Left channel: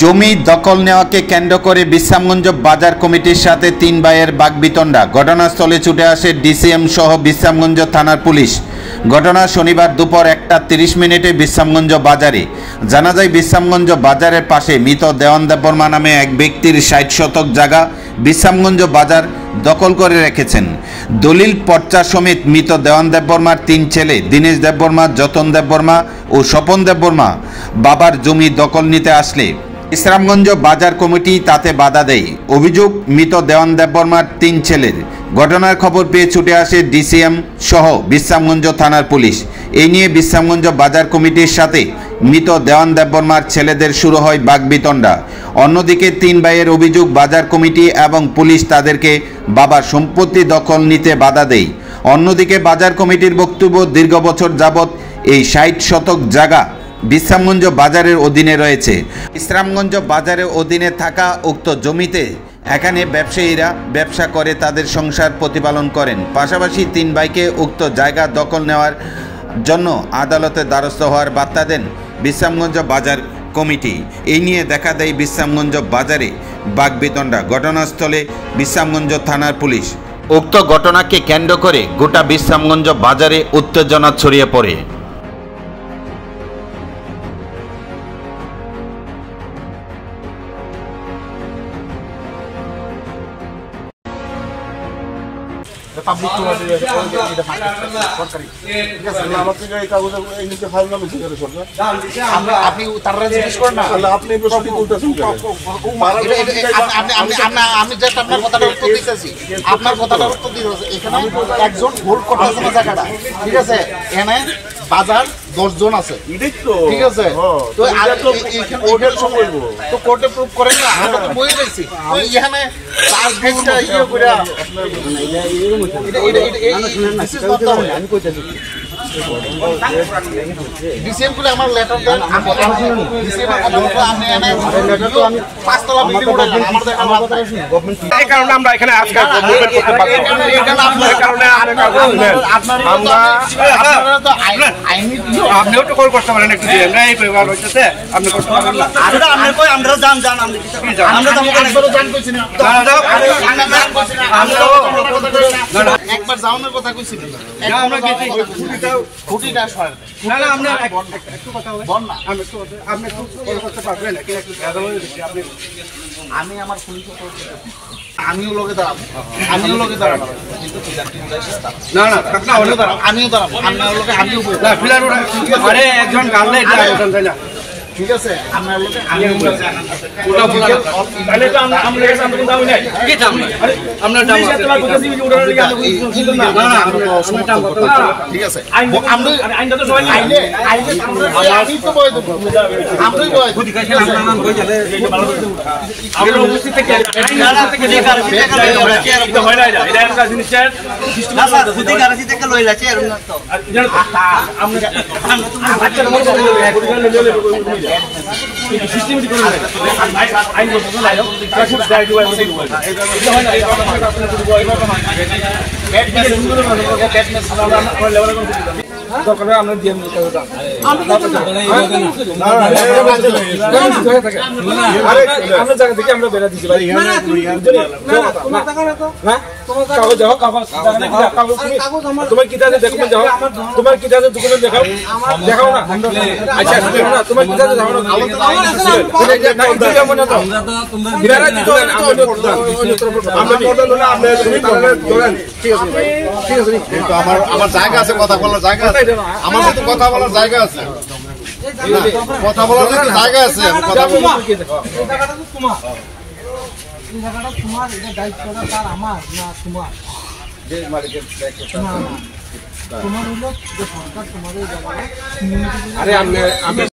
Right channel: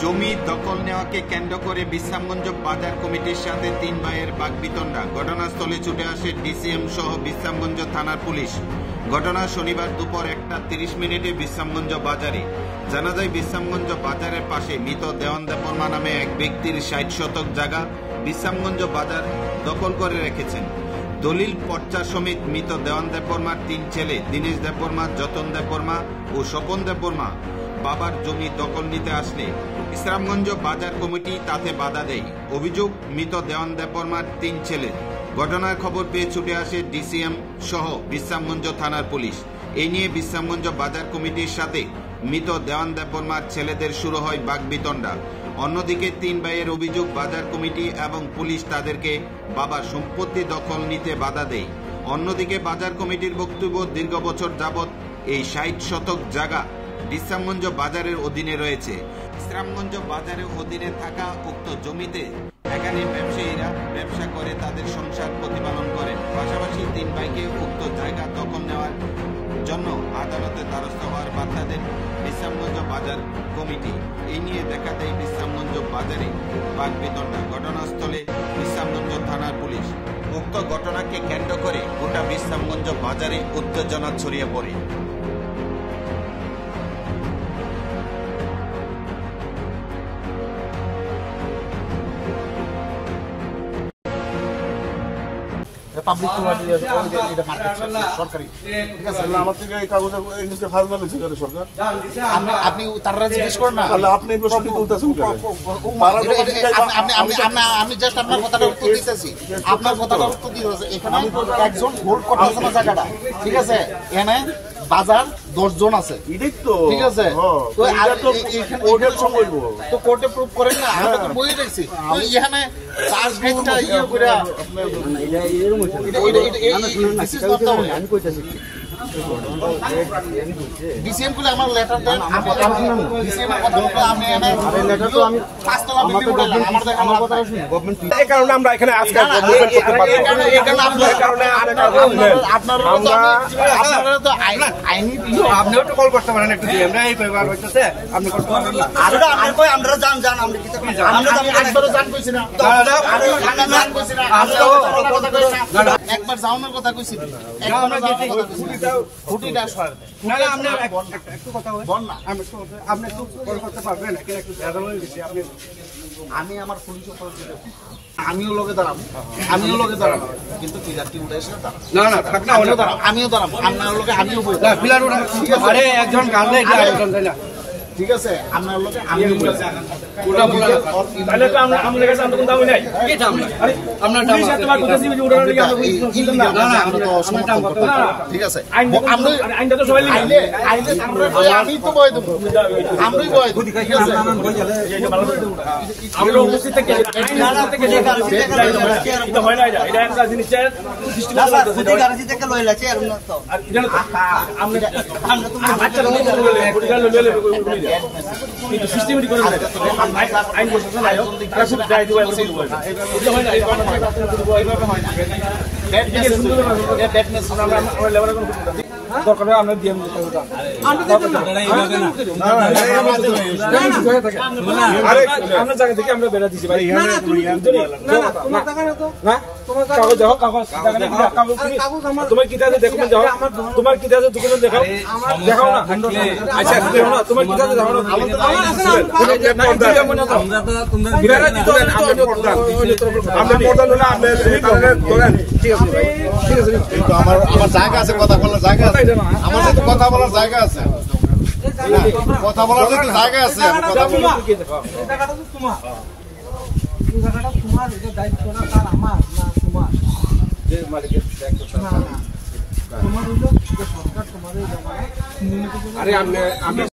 জমি দখল নেওয়াকে কেন্দ্র করে বিশ্রামগঞ্জ বাজার কমিটির সাথে তিন ভাইয়ের বাকবিতণ্ডা। ঘটনাস্থলে ছুটে আসে ডিসিএম সহ বিশ্রামগঞ্জ থানার পুলিশ। ঘটনা শনিবার দুপুর 1:30 বিশ্রামগঞ্জ বাজারে। জানা যায় বিশ্রামগঞ্জ বাজারের পাশে মৃত দেওয়ান দেববর্মা নামে এক ব্যক্তির 60 শতক জায়গা বিশ্রামগঞ্জ বাজার দখল করে রেখেছেন। দলিল পর্চা সমেত মৃত দেওয়ান দেববর্মার 3 ছেলে দীনেশ দেববর্মা, যতন দেববর্মা ও স্বপন দেববর্মা বাবার জমি দখল নিতে আসলে বিশ্রামগঞ্জ বাজার কমিটি তাতে বাধা দেয়। অভিযোগ মৃত দেওয়ান দেববর্মার 3 ছেলের। ঘটনার খবর পেয়ে ছুটে আসে ডিসিএম সহ বিশ্রামগঞ্জ থানার পুলিশ। এই নিয়ে বিশ্রামগঞ্জ বাজার কমিটির সাথে মৃত দেওয়ান দেববর্মার ছেলেদের শুরু হয় বাকবিতণ্ডা। অন্যদিকে 3 ভাইয়ের অভিযোগ বাজার কমিটি এবং পুলিশ তাদেরকে বাবার সম্পত্তি দখল নিতে বাধা দেয়। অন্যদিকে বাজার কমিটির বক্তব্য, দীর্ঘ বছর যাবৎ এই 60 শতক জায়গা বিশ্রামগঞ্জ বাজারের অধীনে রয়েছে। বিশ্রামগঞ্জ বাজারের অধীনে থাকা উক্ত জমিতে এখানে ব্যবসায়ীরা ব্যবসা করে তাদের সংসার প্রতিপালন করেন। পাশাপাশি 3 ভাইকে উক্ত জায়গা দখল নেওয়ার জন্য আদালতে দ্বারস্থ হওয়ার বার্তা দেন বিশ্রামগঞ্জ বাজার কমিটি। এই নিয়ে দেখা দেয় বিশ্রামগঞ্জ বাজারে বাকবিতণ্ডা। ঘটনাস্থলে বিশ্রামগঞ্জ থানার পুলিশ। উক্ত ঘটনাকে কেন্দ্র করে গোটা বিশ্রামগঞ্জ বাজারে উত্তেজনা ছড়িয়ে পড়ে। বাজার 10 জন আছে, ঠিক আছে, তো কোর্টে প্রুফ করেন না, আমরা তো বই রয়েছি তো এখানে চার্জ গাইডটা ইয়ে কইরা আমি কইতাছি ডিসিএম করে আমার লেটার দেন, আমি ডিসিএম এর কথা বলবো, আমি এনে লেটার তো আমি 5 তলা বিল্ডিং উঠালাম, আমার কথা শুনুন গভর্নমেন্ট, এই কারণে আমরা এখানে আজকে মুভমেন্ট করতে পারবো, এই কারণে আপনারা তো আইনি আপনিও তো কল করতে পারেন, একটু আমরা এই পেপার হইতেছে আপনি করতে পারেন না, আমরা কই আমরা জান আমরা কিছু আমরা তো আমরা জান কইছি না, আমরা একবার যাওয়ার কথা কইছি না, আমরা কি খুঁটিটা সর না না, আমরা একটু কথা বল না, আমি একটু আপনি একটু কল করতে পারবেন, একটু ভেদা হয়ে গেছে আপনি, আমি আমার পুলিশ আমিও লোকে দাঁড়াবো, কিন্তু না না থাক না, আমিও দাঁড়াবো, আপনার লোকে আমিও আরে একজন গালে না, ঠিক আছে, আপনার লোকে আমিও তাহলে তো আমরা সামনে দাম নাই, কি দাম আরে আপনার দাম তোমার কথা দিবি উড়ানোর কি না না না আমরা তো সমতাম করতে, ঠিক আছে, আমরা আইনটা তো সবাই আইনে আমরা তো বয় দেব, আমরাই বয় খুদি কাছে আমরা নাম কই যাবে আমরা উপস্থিত থেকে আইন থেকে দেখা এটা হয় না, এটা একটা জিনিস না স্যার, খুদি কাছে থেকে লই যাচ্ছে এরকম না, তো আমরা তো সিস্টেমেটিক করে আইন বলতে না আইন ক্লাসিক গাইড ওয়াই ওই এটা হয় না, এটা এডমিশন সুন্দর মানে এডমিশন আমরা লেভেলে দরকার আমরা ডিএম কাছে দাও, আমরা জায়গা থেকে আমরা বেরা দিছি ভাই, না কাগজ যাও, কাগজ তোমার কিতাবে দেখো, যাও তোমার কিতাবে ডকুমেন্ট দেখাও, দেখাও না, আচ্ছা দেখো না তোমার কিতাবে যাও না, আমরা তো তোমরা বিরারা দিতে হবে তো আমরা প্রধান হলে আমরা শুনি ধরেন, ঠিক আছে ঠিক আছে, তো আমার জায়গা আছে, কথা বলার জায়গা আছে, আমার সাথে কথা বলার জায়গা আছে, কথা বলার জায়গা আছে, কথা বলবো, এই জায়গাটা তো তোমার, এই জায়গাটা তোমার, এটা দায়িত্বটা তার আমার না তোমার, যে মালিকের দায়িত্বটা না তোমার হলো যে সরকার তোমাদের জায়গাটা, আরে আমি